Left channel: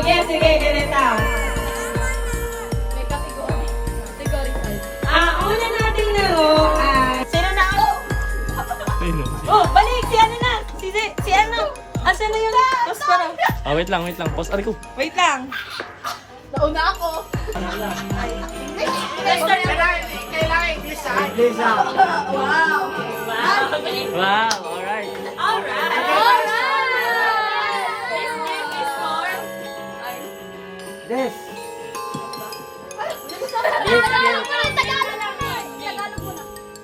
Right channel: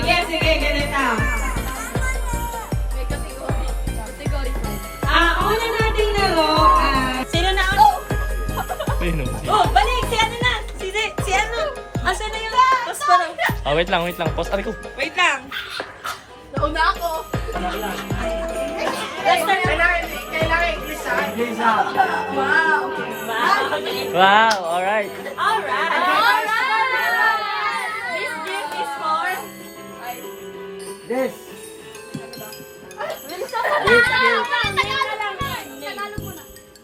Sige, sige, ganito. May category. Category 5. Una nating laro ay... Sino na ako? Sino? Oh, balik! Si ano na? Si ano? Asa na yung kuspara? Wait lang. Pause. Ari ko. Wait lang. Nauna ako. Wow. Wow, alright. Alright. This.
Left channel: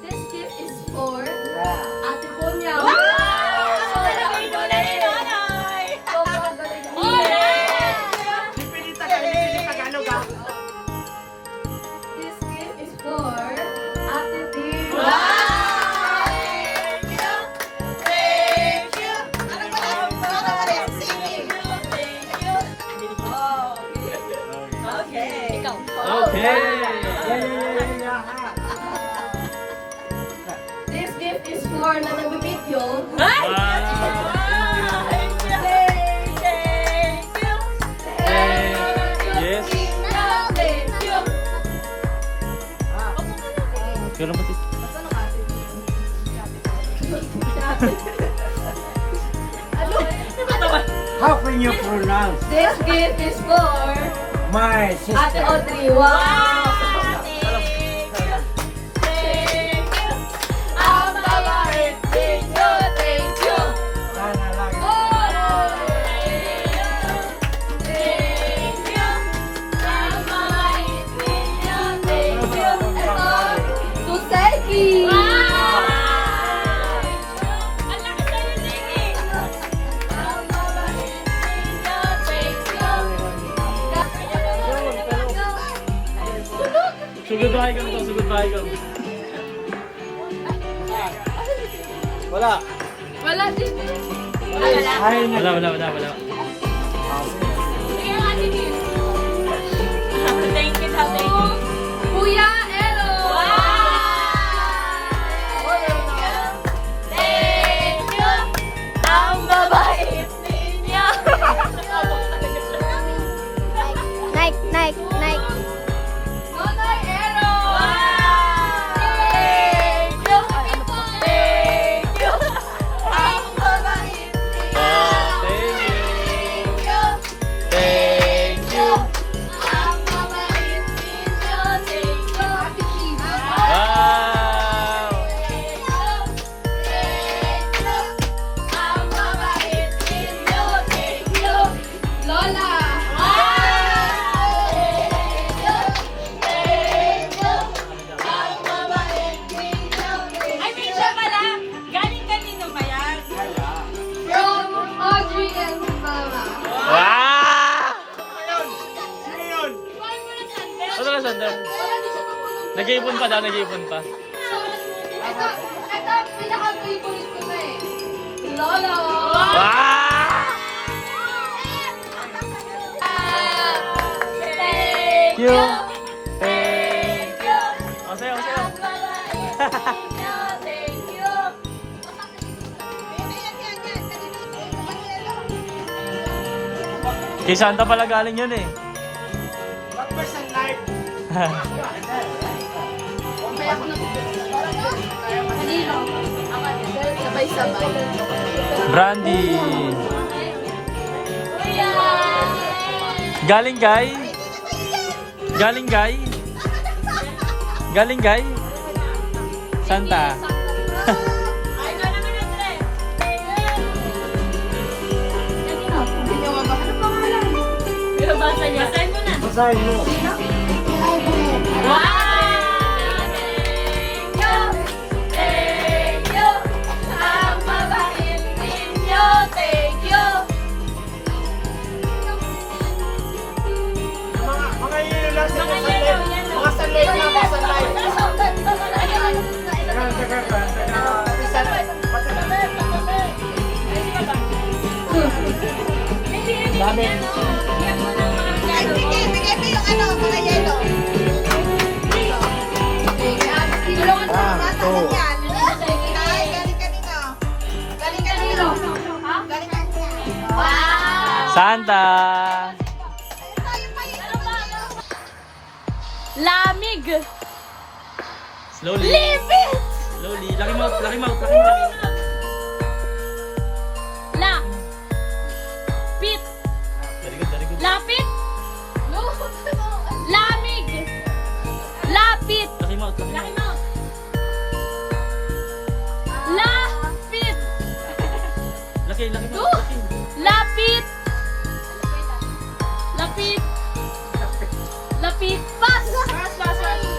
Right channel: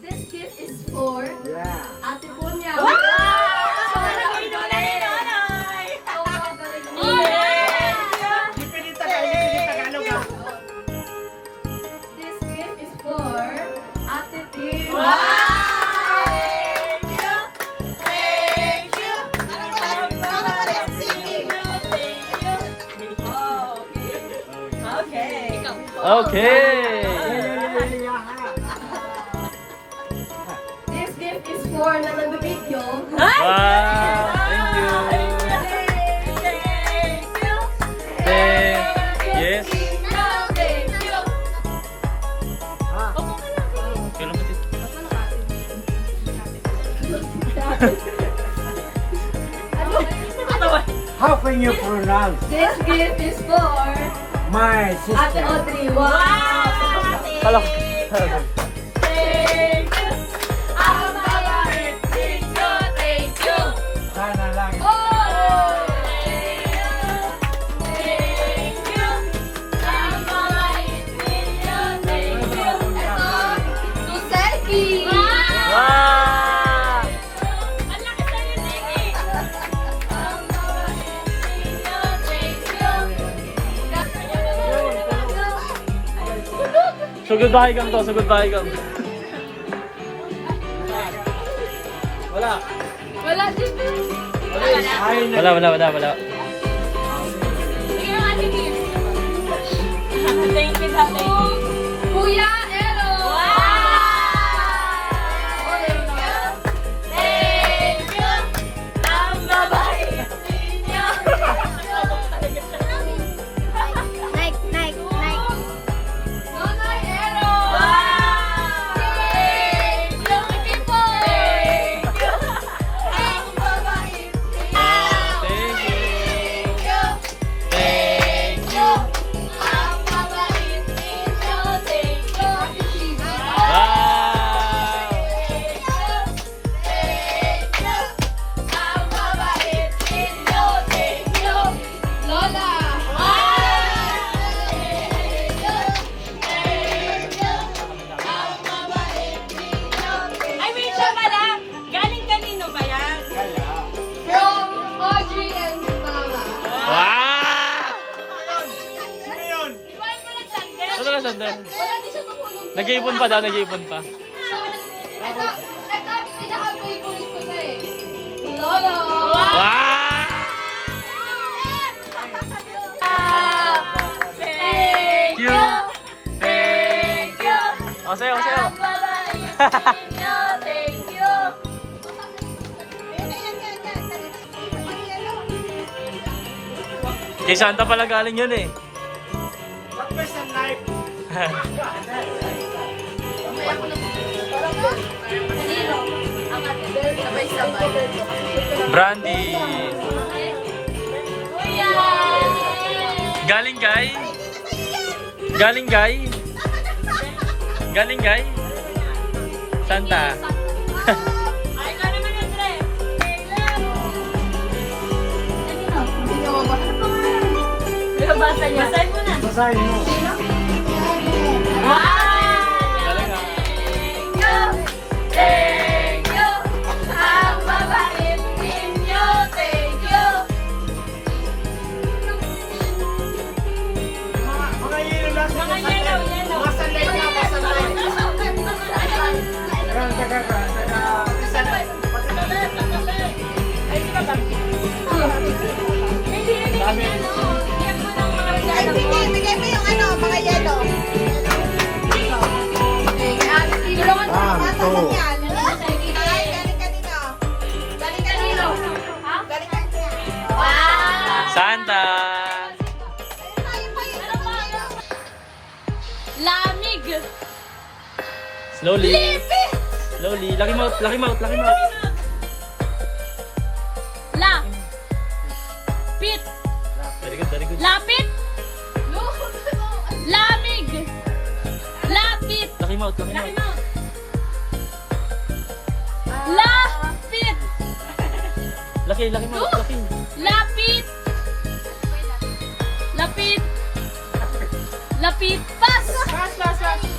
This gift is for Yeah. Ate Ponya. This gift is for Ate Tim. Okay. This gift is for na nagbibidyo. Wow, thank you. Yes. Yun lang pati. How can you pronounce This gift is for my Ate sister? Audrey. Wow! Kala ko. Sana lang. To selfie! Sugod bahay kang to, sugod bahay kang. Wala. Wala din. Ay, Wala. Thank you, tatay. Kuya Elo! Ang babait ninyo. Nike. Nonoy Elo! Thank you. Thank you. Ang babait Thank you. Thank you. Ang babait ninyo. Thank you. Wow. Ang babait ninyo. Thank you. Lola! Ay, wait lang pala. Galing kanino ba yan? From Audrey and Mama. Wow. Ano na sandal? Nag-iipon pa daw, nag-iipon pa. Ito, pinaka-favorite ko na eh. Lola! Wow. Thank you. Thank you. Sayo. Thank you. Kay Santa pala galing yun eh. what person like? Brandy. Galing guy. Santa. Ay, na naman ang tre. Basa niya. Basahin mo na. Basahin mo. Wow! Galing ah. Thank you. Ang babait ninyo. Thank you. Mga yelo lang sa mga sanlay. Mga sanlay lang sa sanlay. Santa. Slowly. Lipit. Slowly. Lucky mouth, lucky mouth, lucky mouth. La. Pit. Very good, very good. Lapit. Lamig. Lapit. Lucky mouth, lucky Lucky mouth. mouth. Lapit. Lucky, lucky mouth, lucky. Lapit. Lapit. Lapit. Pas. Pas. Lapit.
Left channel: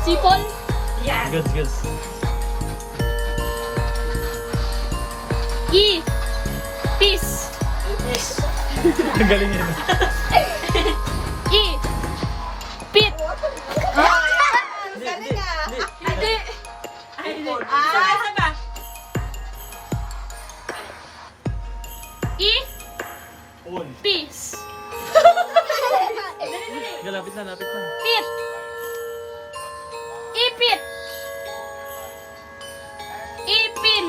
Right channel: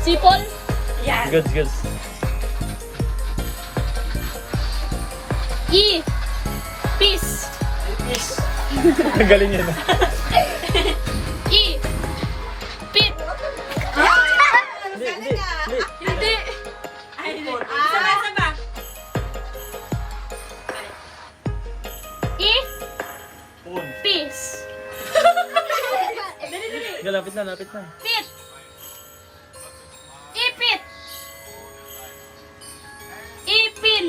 Sipol. Yan. Good, good. Peace. Ang galing yun. Pit. Hindi. Hindi. Ay, hindi. Isa ba? Peace. Sige, lapit na, lapit na. Pit. Ipit. Ipin.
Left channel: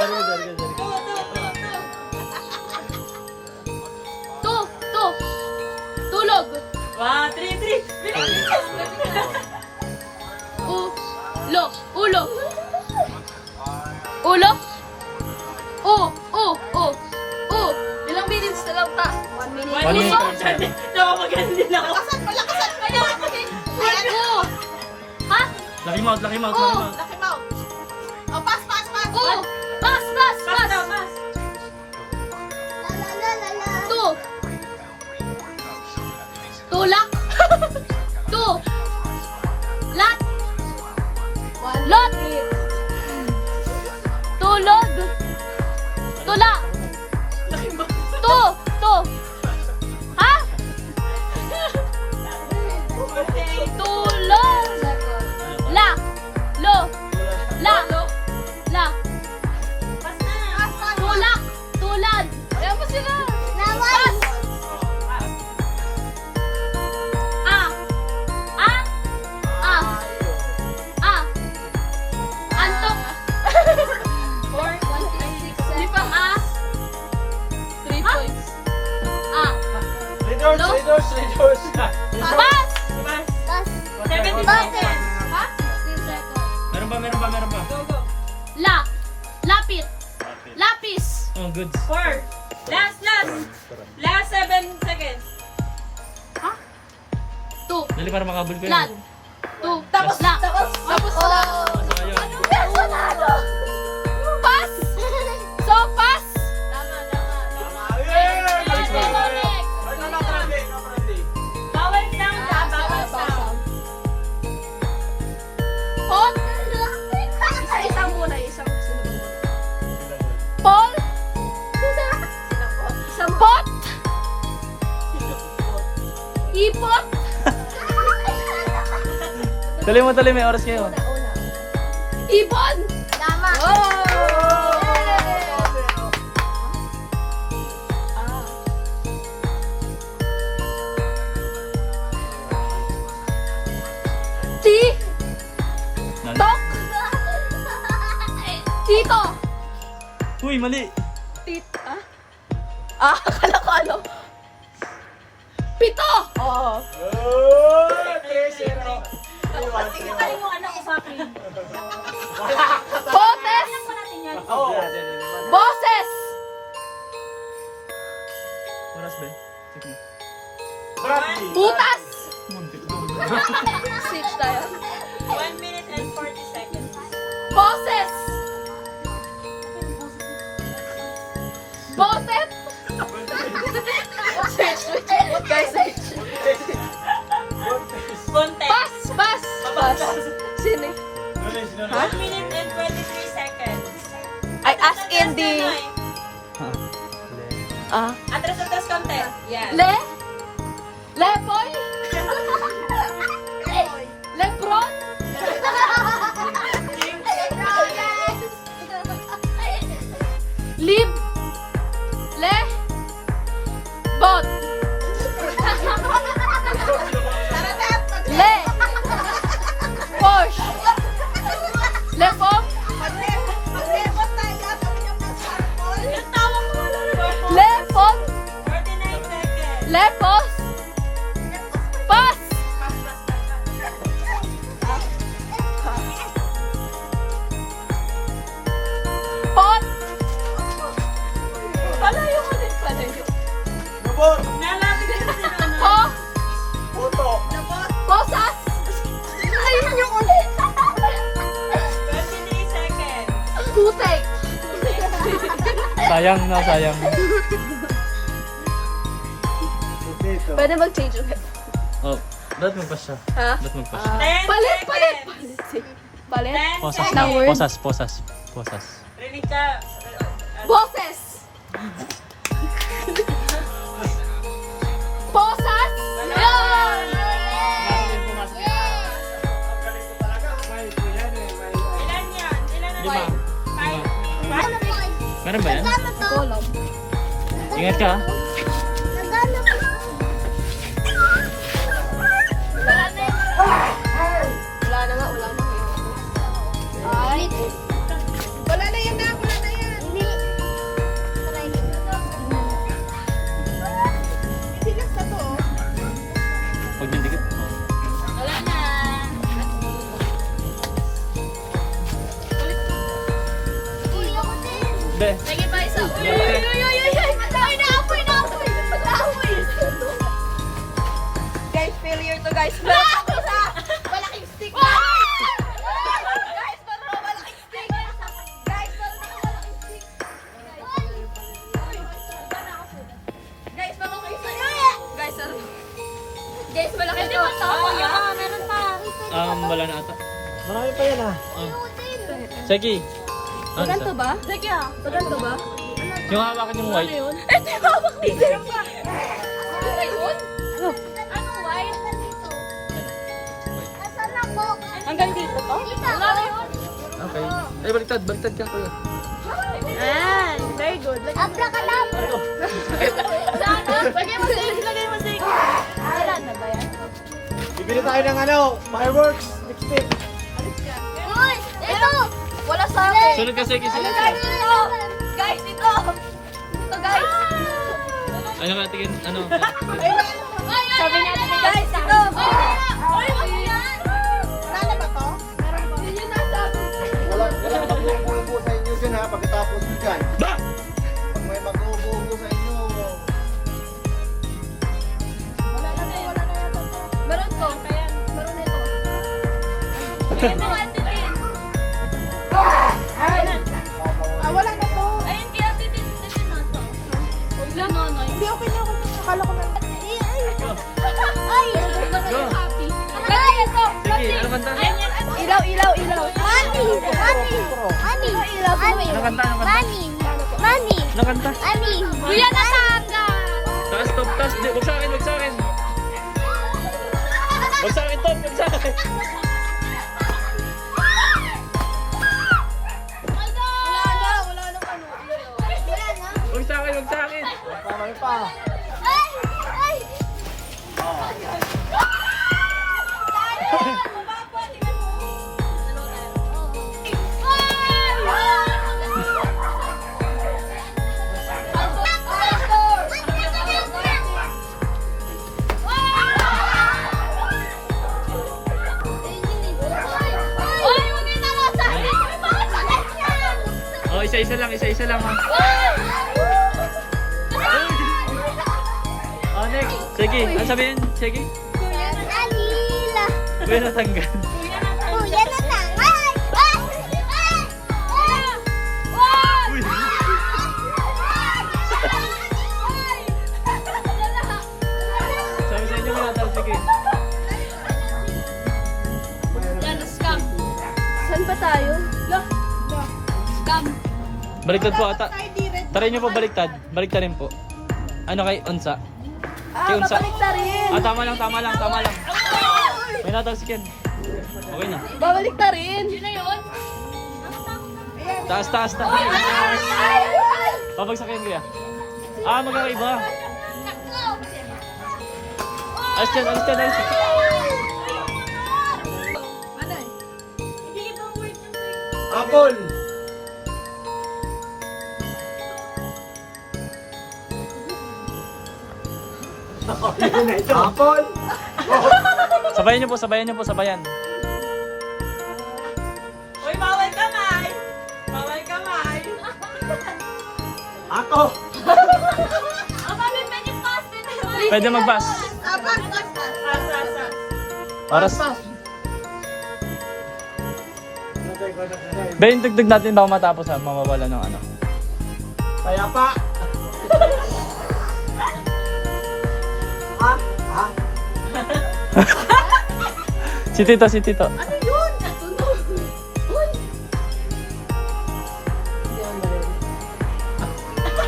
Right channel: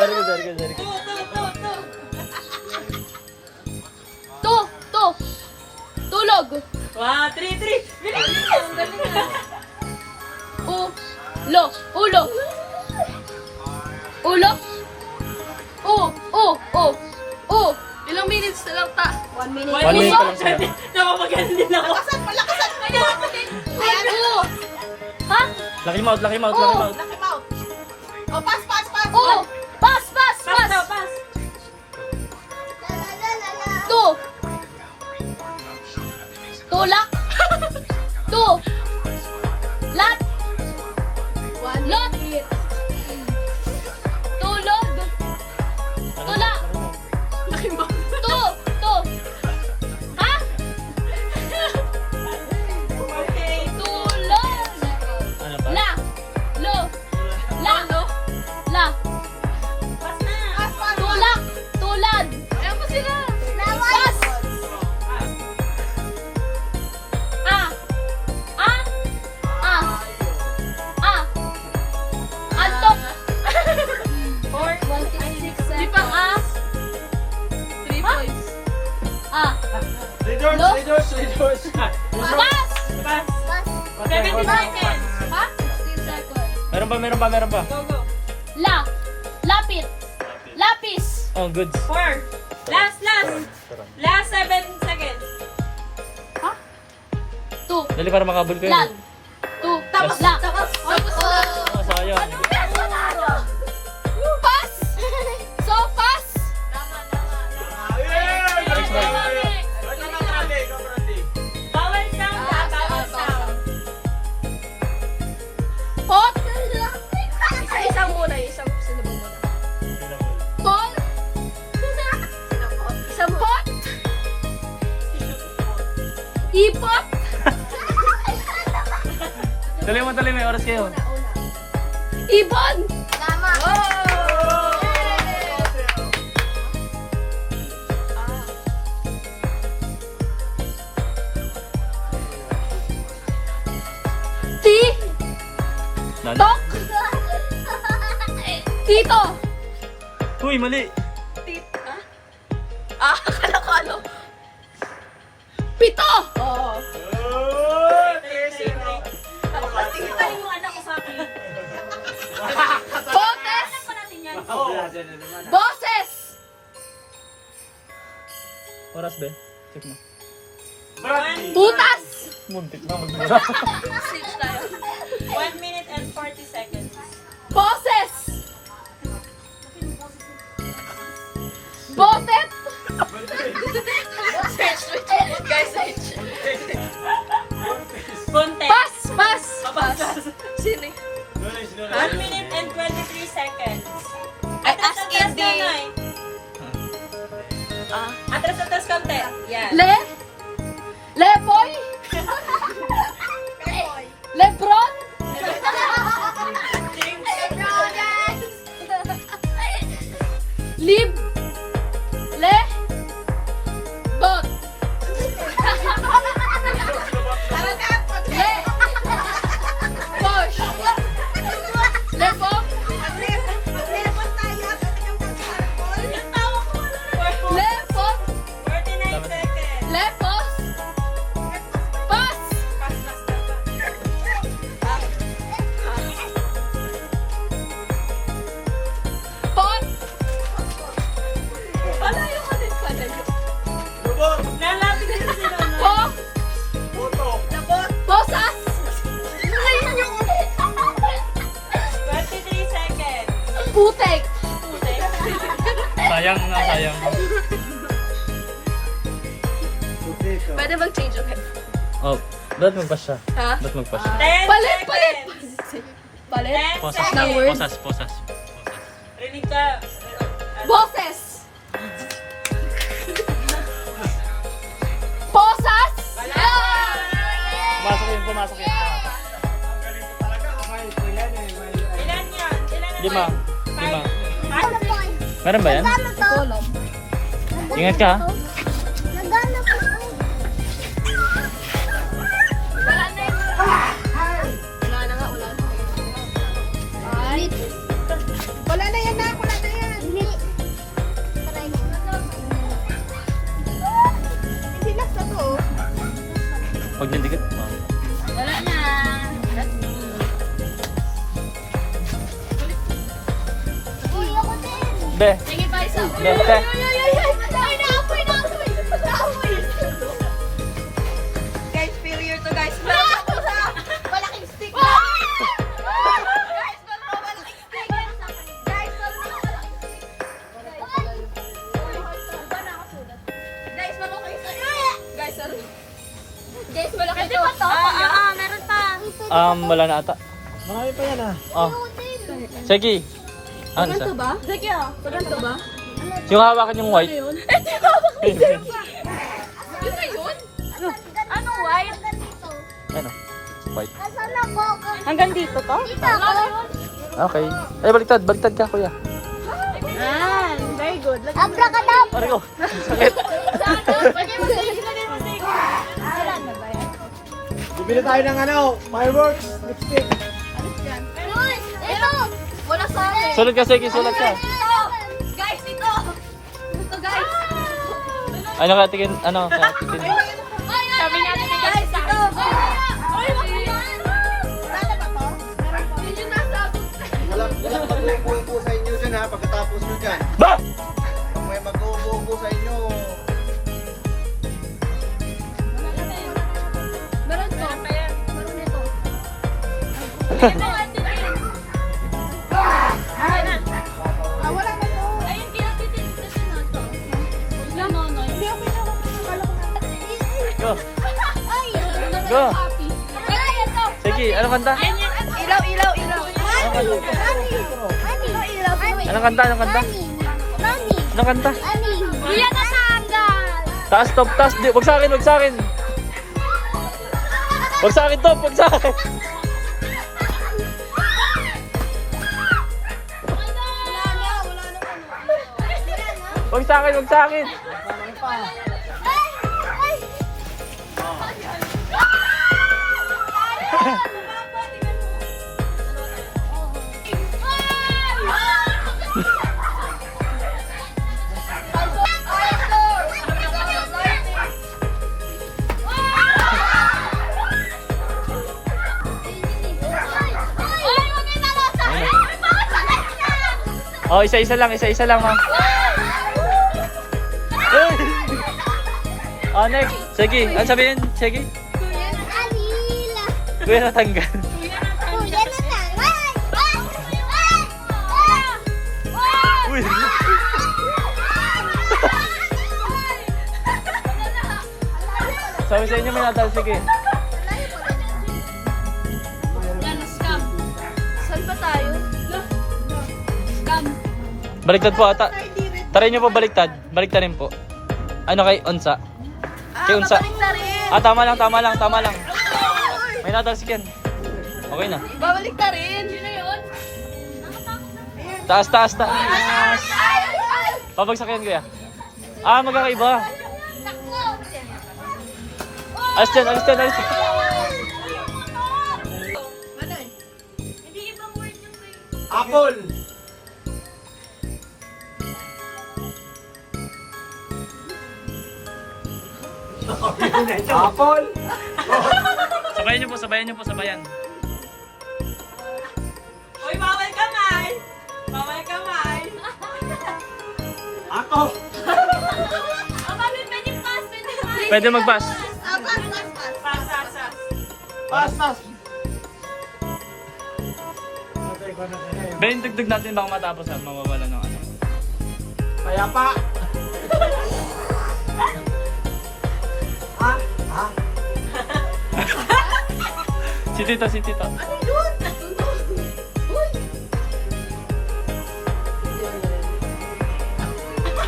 Very good, very good, very good. Tulog. 1, 3, 3. Ulo. Ulo. Ilang minutes na lang ta? 1 minute. 1 minute pa lang sa'yo. Napapagaling din ako. Lakasan mo! Ayan. Ha? Lucky mouth, lucky mouth, lucky mouth. Lucky mouth. Oh, pass. Pas. Tulak. Lat. Lot. Tulog. Tula. Ha? Tulog. La. Tulak. Tulad. Ayan mo sila. Pas. Antok. Di pang A. 3 points. Redoors. Pas. 17 seconds. Ha? 16 seconds. Meron pa. Go. Lapit. Lapis. Oh, good. 4. Last. Turan. Last 7 seconds. Ha? Tu. Dali para makabul ko Lan. yun. Tu. Tapos la. Tapos wala. Oh, sayang. Pas. So, pas. Next one. Bawal sound. Bawal sound. Pot. Isang muna. Sino ba muna? Pol. Isang Pot. Ipot. Tuloy, may oras kayo. Ibon. Tama. Nani? Tito. Uy, mali. Akala ko ano? Pito. Oo. Tayo yung anak ko sa akin. Botes. Ano natin yan? Boses. Oras din. Check mo. Butas. Muntik na. Switch tayo. 1 minute and 40 seconds. Boses. Botet. Context. Pas. Sino? 1 minute and 23 seconds. Ay, as in the... Atras konti. Yan. Lepoy. Lebron. Lib. Bot. Posh. Lepom. Putek! Sayang na, sayang. Pwede mag-change, okay? Oh, ba't magpas siya? Ha? Ba't magpas? 10 Palit, seconds. Palit? 10 Posas, seconds. posas, posas, posas. Ready ka? Boses! Posas! Pumasok yun, pumasok yun. Ilan yan? Ilan na Lima. ba? Lima. Meron ba yan? Kolom. Ingat ka, ha? Wala na yun. Wala na nga, wala na. Ay. Wala na yan na, wala na yan. Hindi. Hindi nasa to. Huwag niyong dikit. Oh. Wala na. Be, Sige pa isa. Uy, Be, uy, be. uy, uy, uy, uy. Ay, naapoy, naapoy. Naapoy. Guys, failure to guys. Malaking stick. Guys, control, malaking stick. Guys, control, malaking stick. Guys, nakakaisa. Guys, ano? Guys, malaki to. Meron pa. wala na ata. Marami pa yan ah. Oh. Sige. Ano Ganito ito? ba? Sige ah. Ganito ba? Yung hawakan yung white. Eh, di ba ba? Hindi na ba? Ano yun? Ano, ay? Ano? White. Hanggang dito to? Wala na yun. Okay. Eh, baliktad. Baliktad ka, kuya. Yan. Very good. Aray ko. Sakit. Lagay mo safe, lagay mo safe. Wala na ba yan? Bibili tayo ng ano, fireworks. Lipstick. Uy, ito! Wala sa akin. Sulat ka, sige. Sulat ka. Guys, ito! Ito, guys! Ano ka, tingin? Ano? Tingin. Sabi niya, guys, ito! Uy, wag yan! Wala na ba to? Meron pa. Yun yung nasa Walang mag-uubo sa inyo dyan ha, pagkatapos nyo dyan. Ba! Kung may mag-uubo sa inyo. Meron to. Meron ito. Wala na to. Ayun, kaya titin na to. Hindi, okay na ako. Akala ko na. Go. Ay! Go. Happy. Ay, ito! Sige, ano kanta? Ilaw, ilaw, ilaw. Ano Anong kanta? Anong kanta? Anong kanta? Kuya na sa hanggan! Taas, top, taas. Di, wag sa akin, wag sa akin. Wag sa akin, top, wag sa akin. Wala na ano. Wag sa akin, wag sa akin. Marami pa. Ay! Ay! Oh, isa-isa lang, ma'am. Uy! Oh, next. Sige, ano sabihin? Sige. Kuya natanggal. Uy! Sabi sa inyo may natal, sige. Scam. Saan ba tayo? Scam. Baliktad po ata. Try nyo po baliktad. Baliktarin po. Ano kay Unsa? Kay Unsa. Ah, tama lang. May natal si Ken. Okay na. Babalik ka rin. Yun na yun. Taas. Pabagsakin kuya. Ah, magkakaiba. Alis dyan. Apple. Apple. Sabayan nyo po. Uy, bawal kamay. Bawal kamay. Ako. Pwede mag-pass. Sasa. Para Pasas. Be, yung tugtog natin baka matapos ha, mawawala ng ano. Payapa. Si Tito, si Tito. Ano yun? Uy!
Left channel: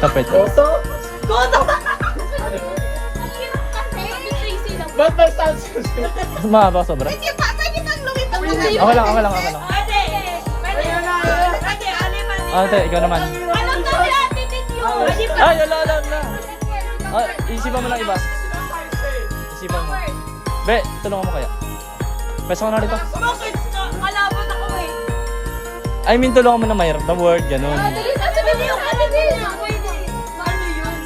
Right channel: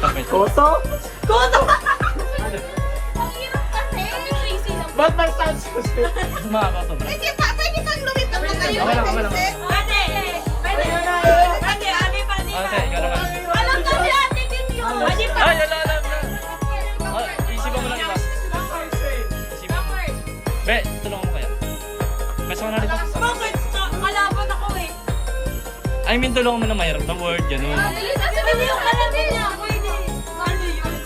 Kapit. Koto? Koto! Ang hirap kasi. Tracy lang. Ba't may sound system? Mas mahaba sobra. Pwede bang lumipad na kayo? Okay lang, okay lang. Pwede. Pwede. Ayan na, ayan. Ate, alipan din. Ate, ikaw naman. Alam na si Ate din yun. Adi pa. Ay, alam na. Ah, isipan mo lang iba. Isipan mo. Be, tulungan mo kaya. Pesa ka na rito. Bakit? Kalaban ako eh. I mean, tulungan mo na mahirap na word, ganun. Pwede yung kalaban niya. Pwede. Ano yun?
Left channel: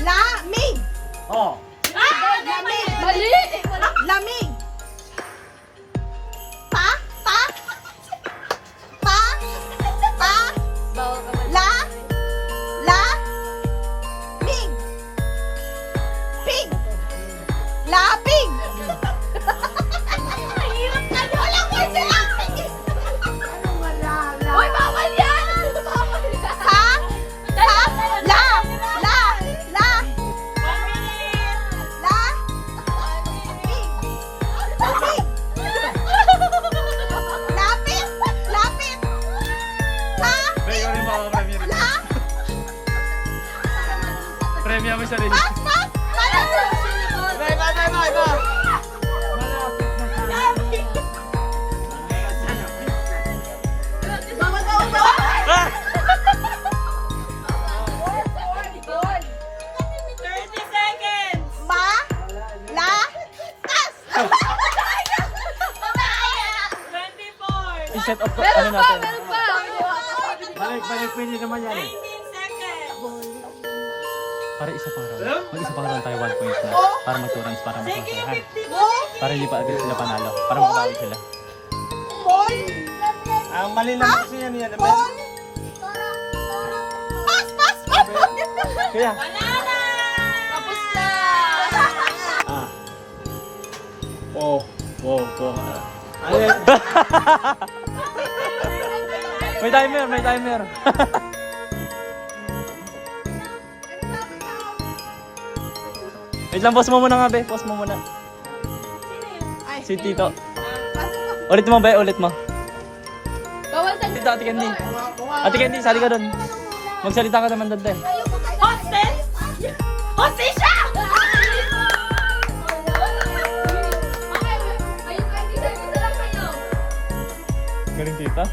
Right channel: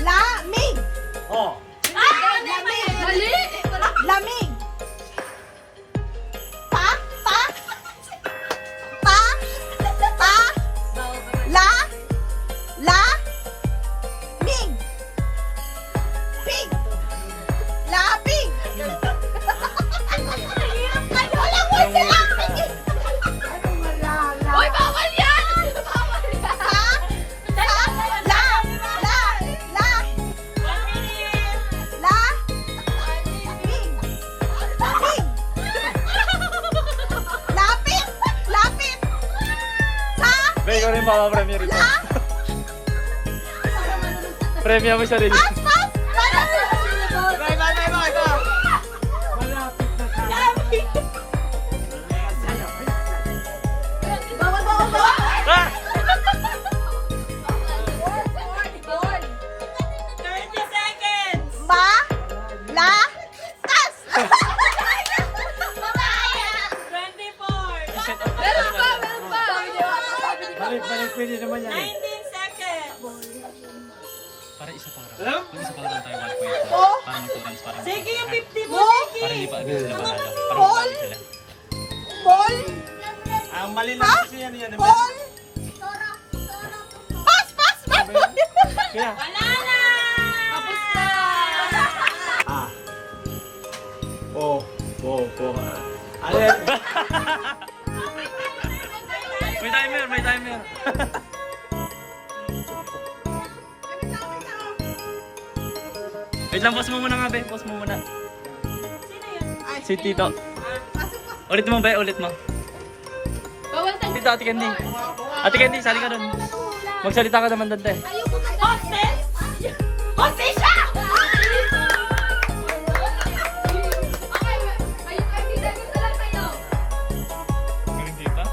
Lamig! Oh. Lamig! Lamig! Pa? Mig! Pig! Lapig! Walang word sa lapig! Uy, bawal yan! Be, ikaw rin makapremyo rito. Premyo mo sarili. Ah! 30 seconds. Babaya! 24. I-set up ko, ano natin? Balik, pwede naman yan eh. 19 seconds. Para isa pang round. Mag-isa pang round tayo, 1 point na. Para mag-2 rounds, para Sige, mag-2 50 seconds. Para hindi pa agad sila panalo. Para mag-down sila. Ang mali lang kasi yan yan. Kaya, Panalo! Tapos na! Ah. Oh. Ano yan? may timer, may timer. Wait lang, pause mo muna nga, be. Pause mo muna. Sino yun? Si Tito. Ulit mo, be. Ulit mo. Bawal na. Tito, Ate Candy. Ate Candy, sali ka dun. Magsalita ka naman dun, te. Hostess? Hostess siya! Galing, Tita.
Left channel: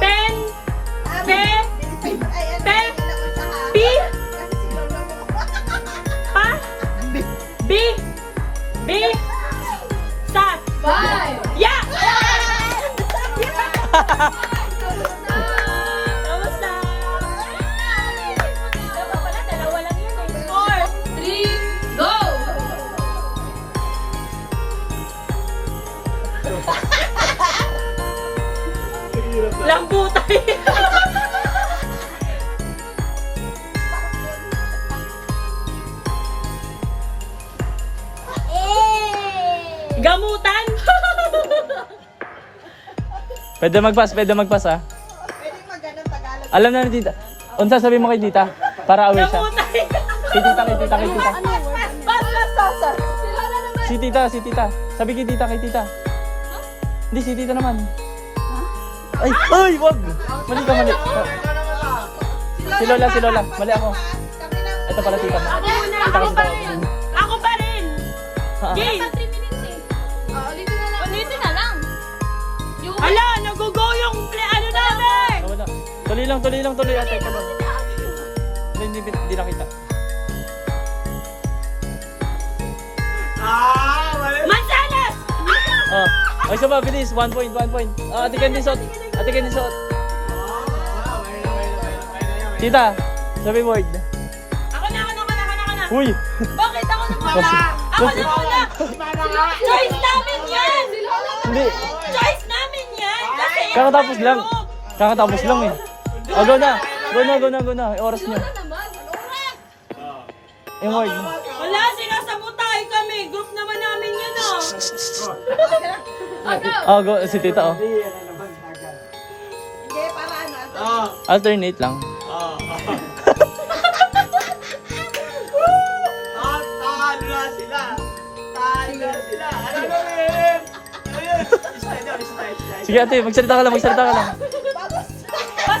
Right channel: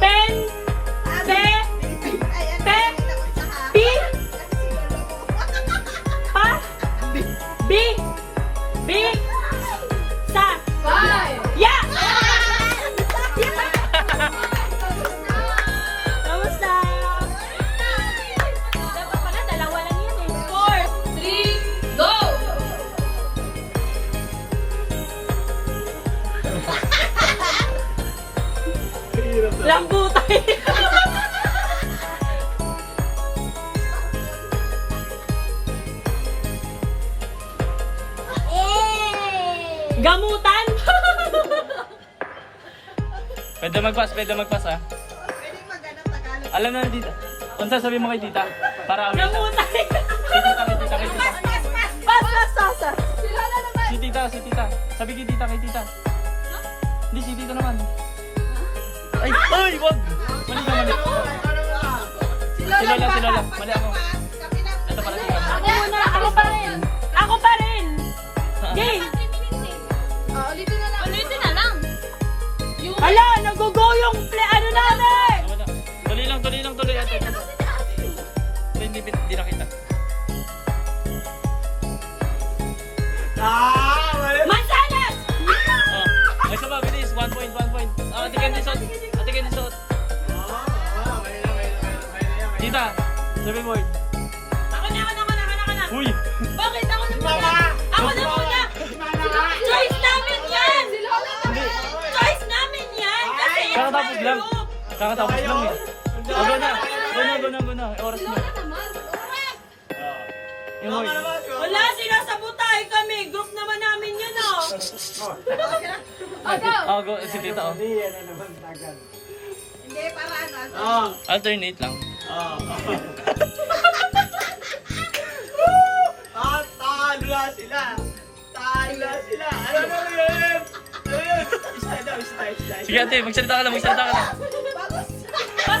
Pen! Pe! Pe! P! Ha? B! B! Sa! Ya! Kamusta? Dalawa lang yan eh. 4, 3, go! Lambutay! Gamutan! Pwede mag-pass ah. Alam na ni Tita. Unsa sabi mo kay Tita? Para aware siya. Gamutan! Kay Tita. Pas! Si Tita. Sabi kay Tita. Hindi, si Tita naman. Ay, wag! Mali ka, mali. Si Lola. Mali ako. Ito pala Tita. Ako muna! Ako pa rin! Game! Ala! Nagugo yung ano namin! Wala. Tuloy lang. Ate. Hindi nakita. Mansanas! Oh, isa pa, bilis. 1 point. Oh, Ate Candy shot. Tita, sabi word. Ako na! Uy! Bakit ako na muna? Ako na muna! Choice namin yan! Hindi. Choice namin yan! Kasi Kakatapos lang. Kakatapos lang eh. Oh, go na. Go na. Oras na. Yung word. Wala, sinasabutay kami. Group naman namin yun, oh. Oh, go. Si tita, oh. Hindi, para ano. Alternate lang. Talo na sila. Talo na sila. Ano? Isa daw, isa. Sige ate, magsalita ka lang. Pas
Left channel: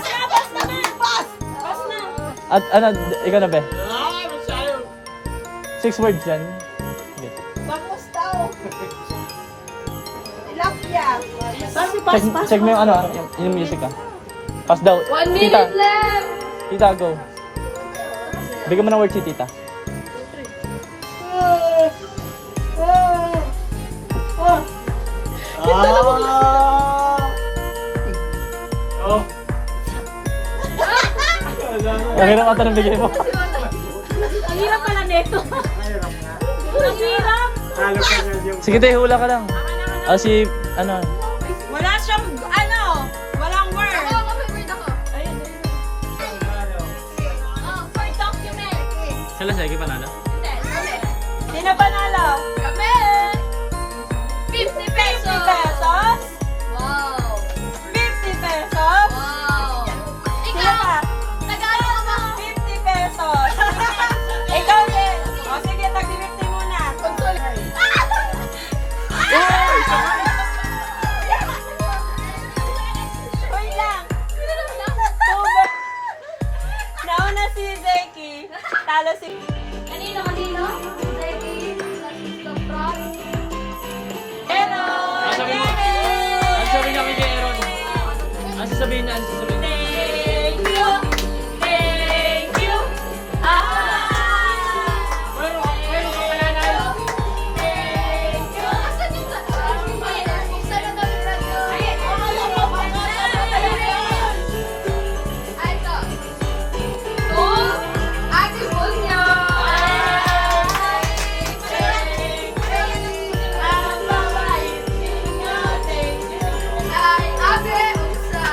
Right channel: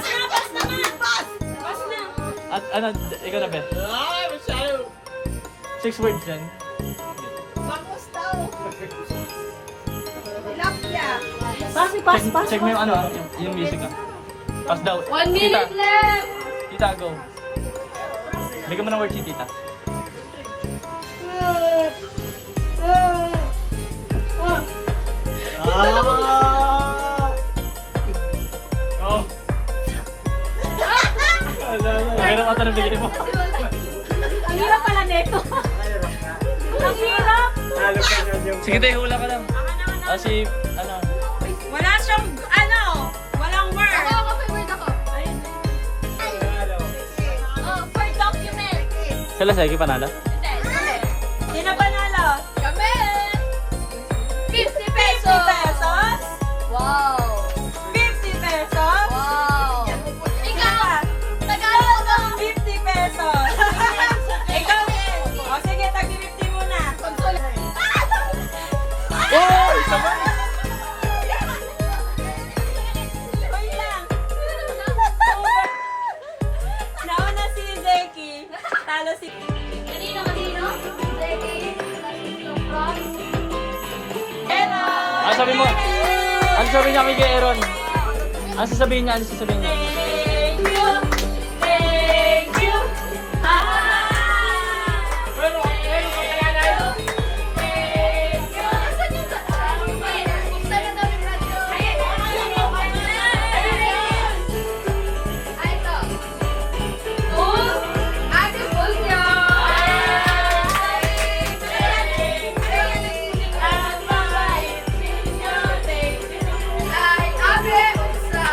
naman. Pas na. At ano, ikaw na be? Masyado. 6 words yan. Bangus daw. Tilapia. Check mo yung ano, yung music ah. Pass daw. 1 minute left. Tita, go. Bigyan mo ng word si tita. Oh. Okay lang ata ng bigay mo. Ang hirap pala nito. Ang hirap. Talo pa nga yung... Sige tayo, hula ka lang. Ah, si, ano. Wala siyang, walang word. Ako, may word ako. Ayun. For document. Sila sige, panalo. Hindi. Sino panalo? Kami. 50 pesos. 50 pesos? Wow. 50 pesos? Wow. Ikaw, Tagalog ba? 50 pesos. Ikaw din. O sige, tag-50 muna. Oy! Sabay! Wait lang. Nauna si Zeki. Talo si... Kanino? Ready? From? Hello! Ah, sabi mo. Ano sabihin niya kay Aaron? Ano sasabihin niya? Thank you. Thank you. Asan yung sa... Buksan na daw yung radio. Ay, ito. Gold. Ate Gold niya. Ay, Abe Unsa.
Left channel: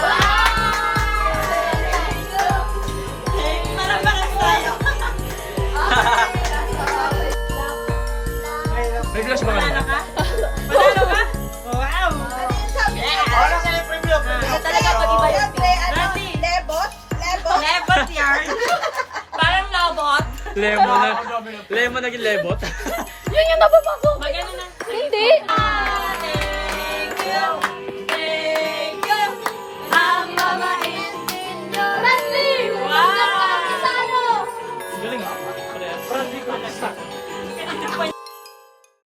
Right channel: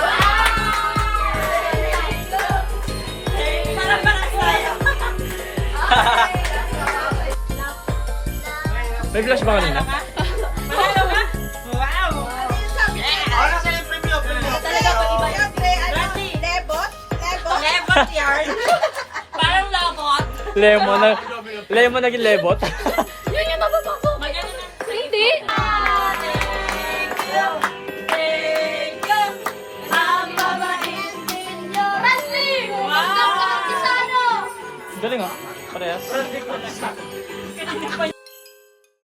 Parang tayo. May flash ba kanina? Manalo ka? Wow! Ano kayo preview? Talaga ito iba yun. Ready? Lebot yarn. Parang lobot. Lemon na. Lemon naging lebot. Yun yung napapasok. Magano na. Hindi. Thank you. Thank you. Ang mabait ninyo. Leslie! Wow! Isano! Galing ah. Parehas. Kanina pa